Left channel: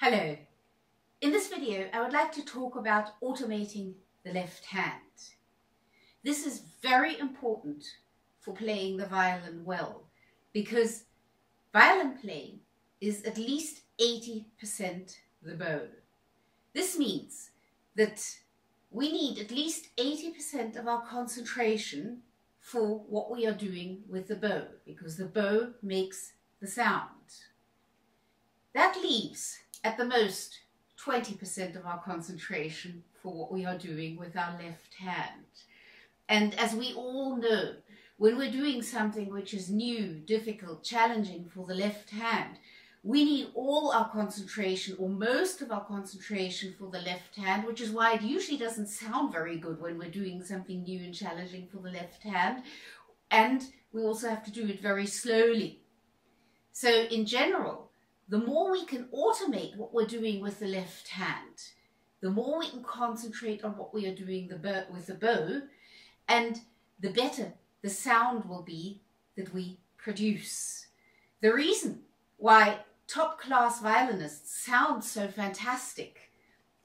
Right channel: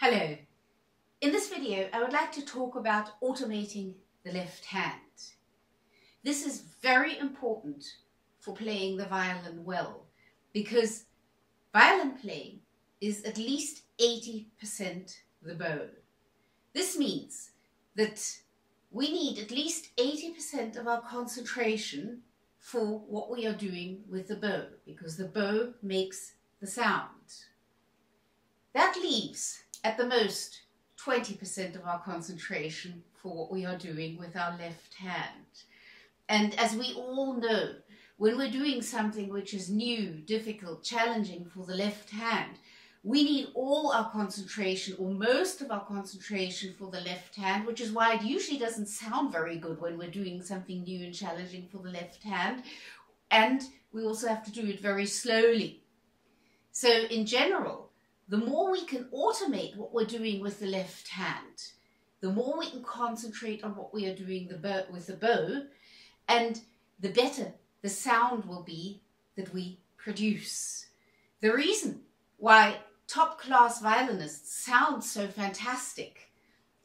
Hello. In this video, I would like to talk about automating the left hand. This is very important for playing the violin well, because violin playing is at least 80% the bow. This means that we need at least 80% of our concentration for what we are doing with the bow, because the bow makes the sound. That leaves at the most 20% of our concentration for what we are doing with our left hand. And as we all know, when we're doing something which is new, difficult, challenging for the left hand, we need all our concentration, or most of our concentration, for the left hand, which is why it usually doesn't sound very good when we're doing something new and challenging for the left hand. And we also have to do it very slowly. So in general, the more we can automate what we're doing with the left hand, the more we can concentrate on what we are doing with the bow, and the better the sound will be that we produce. The reason why top-class violinists sound so fantastic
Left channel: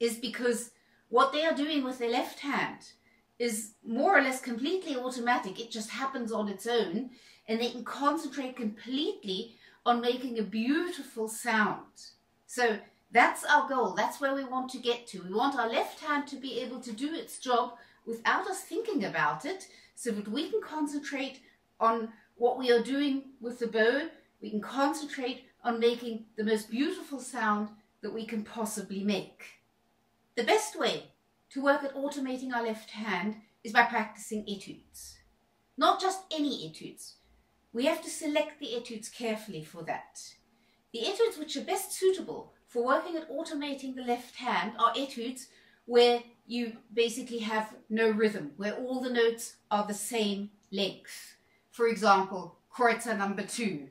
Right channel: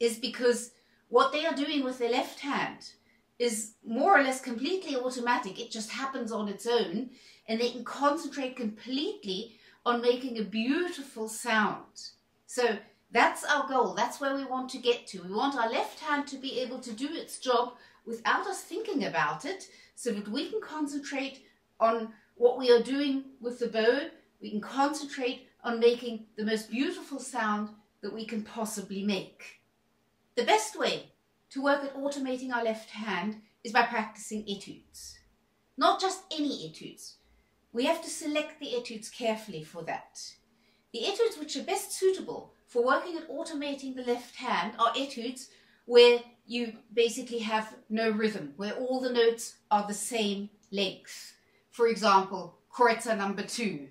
is because what they are doing with their left hand is more or less completely automatic. It just happens on its own, and they can concentrate completely on making a beautiful sound. So that's our goal. That's where we want to get to. We want our left hand to be able to do its job without us thinking about it, so that we can concentrate on what we are doing with the bow. We can concentrate on making the most beautiful sound that we can possibly make. The best way to work at automating our left hand is by practicing etudes. Not just any etudes. We have to select the etudes carefully for that. The etudes which are best suitable for working at automating the left hand are etudes where you basically have no rhythm, where all the notes are the same length. For example, Kreutzer number 2.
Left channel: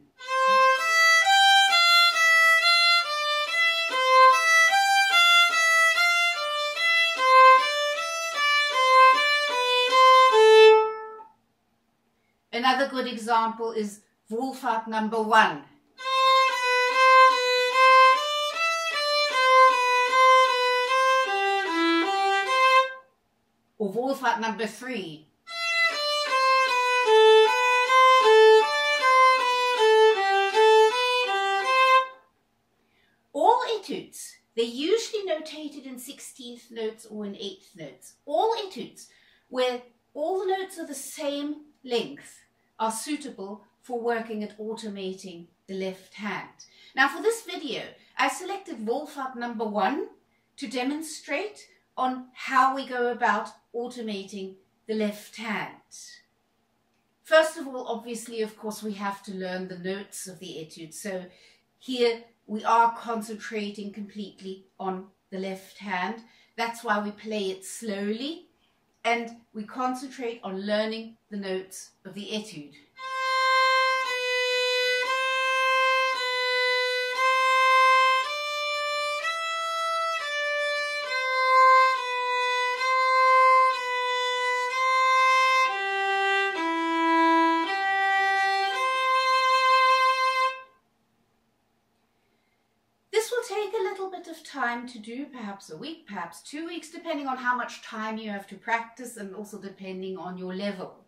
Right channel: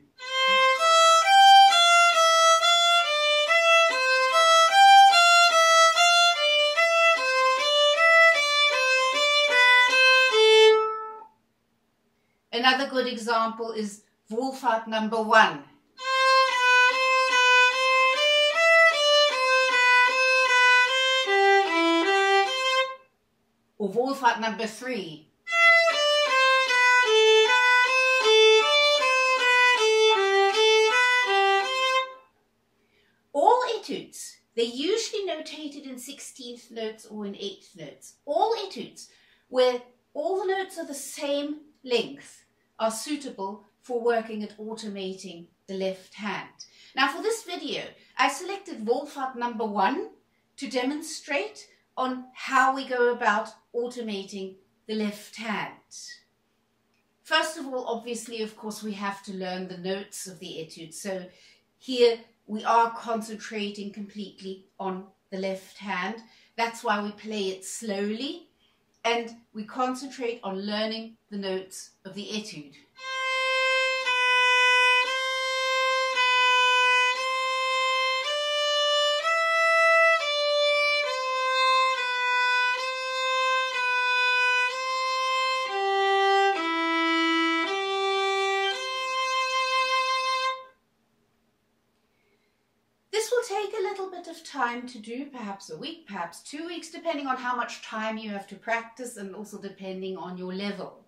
Another good example is Wohlfahrt number 1. Or Wohlfahrt number 3. All etudes, they're usually notated in 16th notes or in 8th notes. All etudes where all the notes are the same length are suitable for working at automating the left hand. Now for this video, I selected Wohlfahrt number 1 to demonstrate on how we go about automating the left hand. First of all, obviously, of course, we have to learn the notes of the etude. So here we are concentrating completely on the left hand. That's why we play it slowly, and we concentrate on learning the notes of the etude. This will take a little bit of time to do, perhaps a week, perhaps 2 weeks, depending on how much time you have to practice and also depending on your level.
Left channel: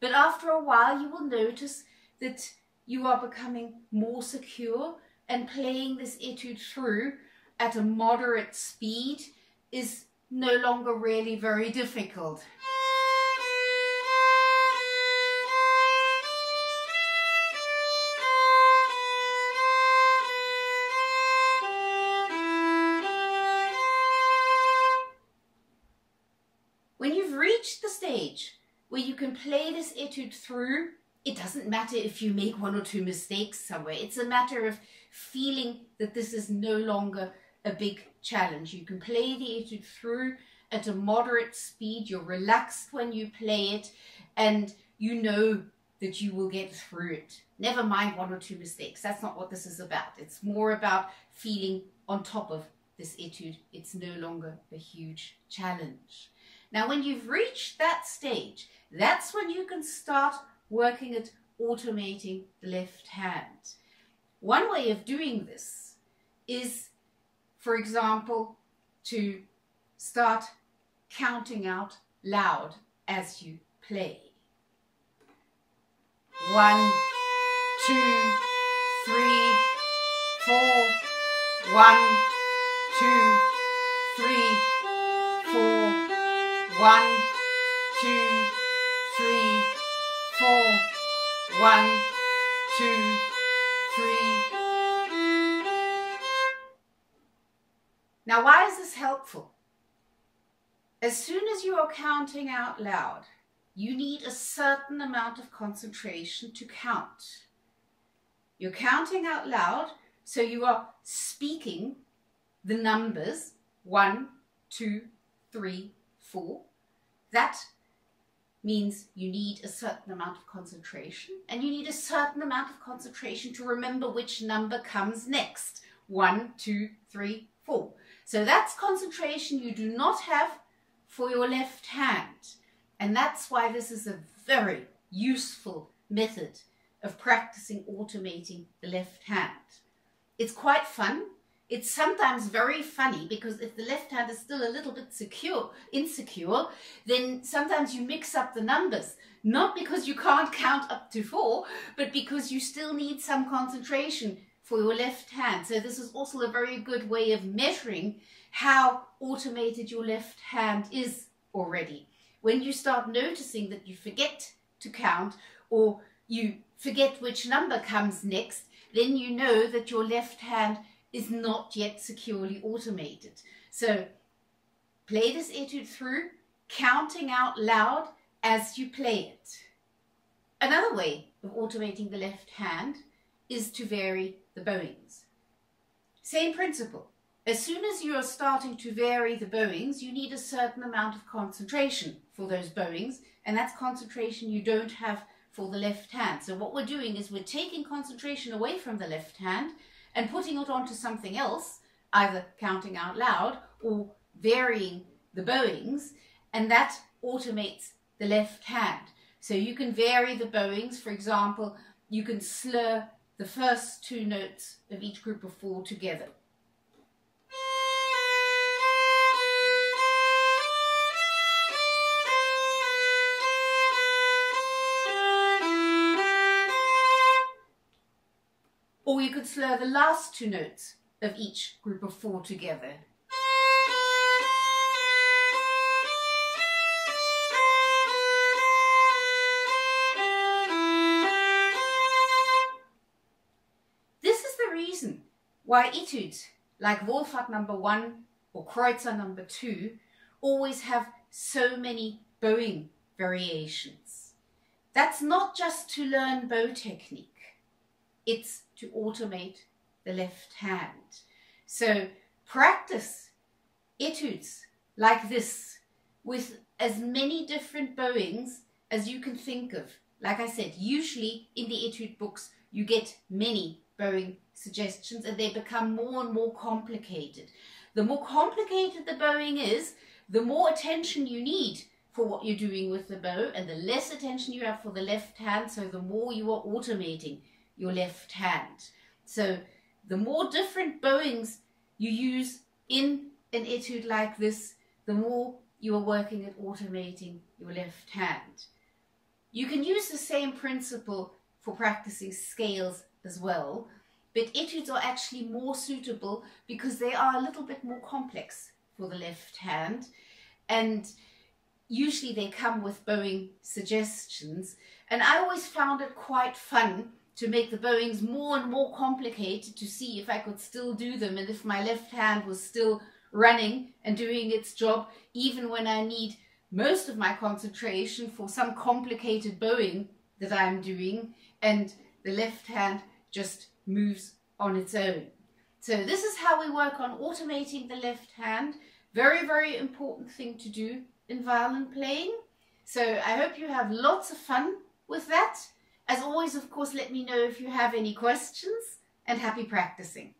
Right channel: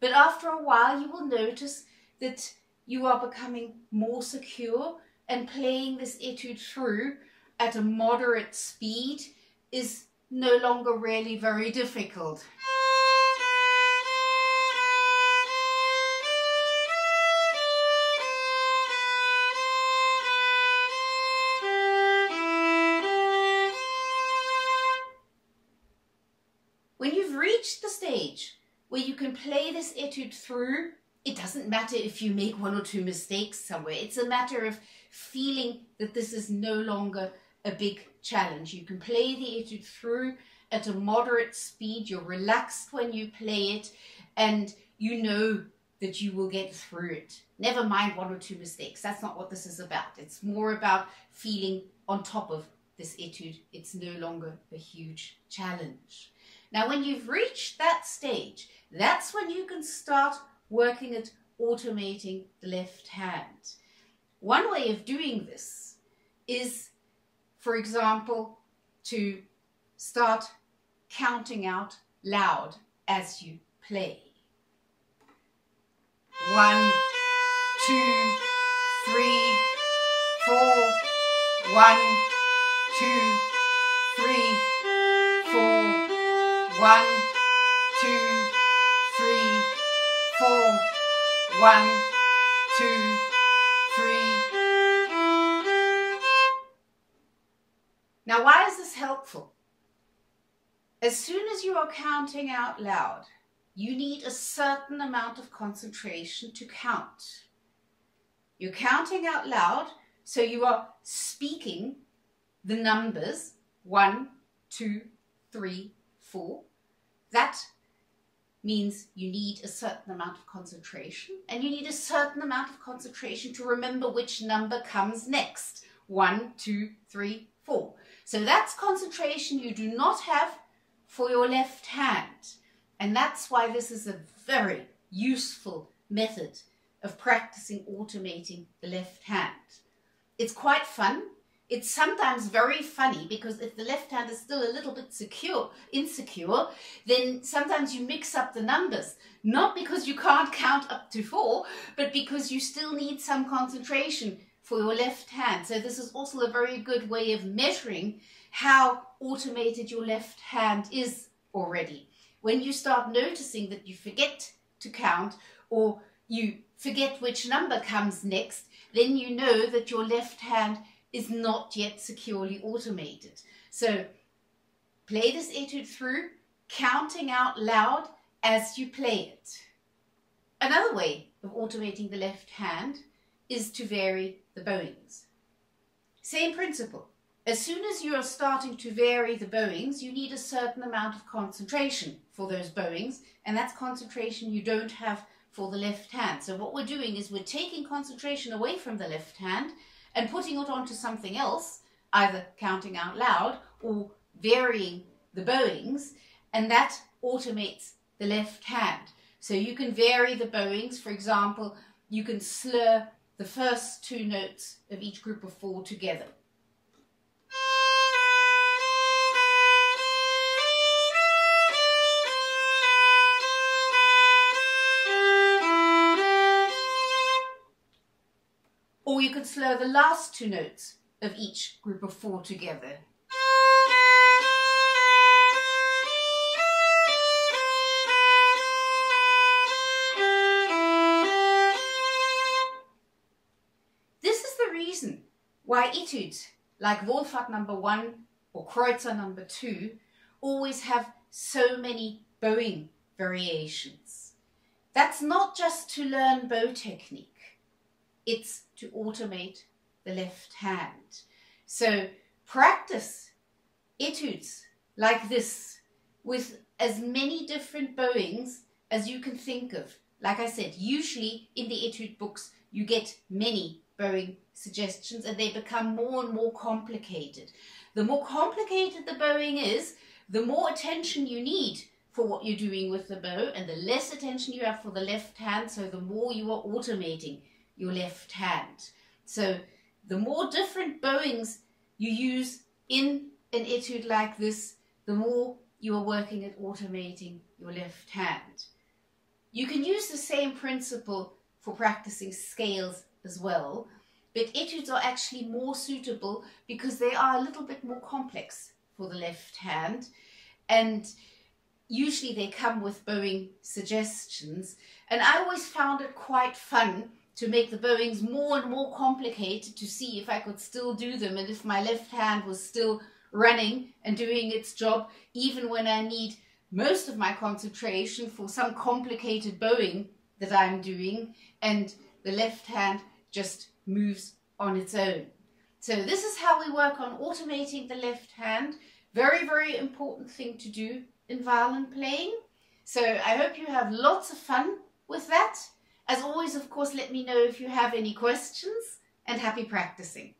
But after a while, you will notice that you are becoming more secure, and playing this etude through at a moderate speed is no longer really very difficult. When you've reached the stage where you can play this etude through, it doesn't matter if you make 1 or 2 mistakes somewhere. It's a matter of feeling that this is no longer a big challenge. You can play the etude through at a moderate speed. You're relaxed when you play it, and you know that you will get through it. Never mind 1 or 2 mistakes. That's not what this is about. It's more about feeling on top of this etude. It's no longer a huge challenge. Now, when you've reached that stage, that's when you can start working at automating the left hand. One way of doing this is for example, to start counting out loud as you play. 1, 2, 3, 4. 1, 2, 3, 4. 1, 2, 3, 4. 1, 2, 3. Now, why is this helpful? As soon as you are counting out loud, you need a certain amount of concentration to count. You're counting out loud, so you are speaking the numbers 1, 2, 3, 4. That means you need a certain amount of concentration, and you need a certain amount of concentration to remember which number comes next. 1, 2, 3, 4. So that's concentration you do not have for your left hand. And that's why this is a very useful method of practicing automating the left hand. It's quite fun. It's sometimes very funny because if the left hand is still a little bit insecure, then sometimes you mix up the numbers. Not because you can't count up to 4, but because you still need some concentration for your left hand. So this is also a very good way of measuring how automated your left hand is already. When you start noticing that you forget to count or you forget which number comes next, then you know that your left hand is not yet securely automated. So play this etude through, counting out loud as you play it. Another way of automating the left hand is to vary the bowings. Same principle. As soon as you are starting to vary the bowings, you need a certain amount of concentration for those bowings, and that's concentration you don't have for the left hand. So what we're doing is we're taking concentration away from the left hand and putting it onto something else, either counting out loud or varying the bowings, and that automates the left hand. So you can vary the bowings. For example, you can slur the first 2 notes of each group of 4 together. Or you could slur the last 2 notes of each group of 4 together. This is the reason why etudes like Wohlfahrt number 1 or Kreutzer number 2 always have so many bowing variations. That's not just to learn bow technique. It's to automate the left hand. So practice etudes like this with as many different bowings as you can think of. Like I said, usually in the etude books you get many bowing suggestions and they become more and more complicated. The more complicated the bowing is, the more attention you need for what you're doing with the bow and the less attention you have for the left hand, so the more you are automating your left hand. So the more different bowings you use in an etude like this, the more you are working at automating your left hand. You can use the same principle for practicing scales as well, but etudes are actually more suitable because they are a little bit more complex for the left hand, and usually they come with bowing suggestions, and I always found it quite fun to make the bowings more and more complicated to see if I could still do them and if my left hand was still running and doing its job, even when I need most of my concentration for some complicated bowing that I'm doing, and the left hand just moves on its own. So this is how we work on automating the left hand. Very, very important thing to do in violin playing. So I hope you have lots of fun with that. As always, of course, let me know if you have any questions, and happy practicing.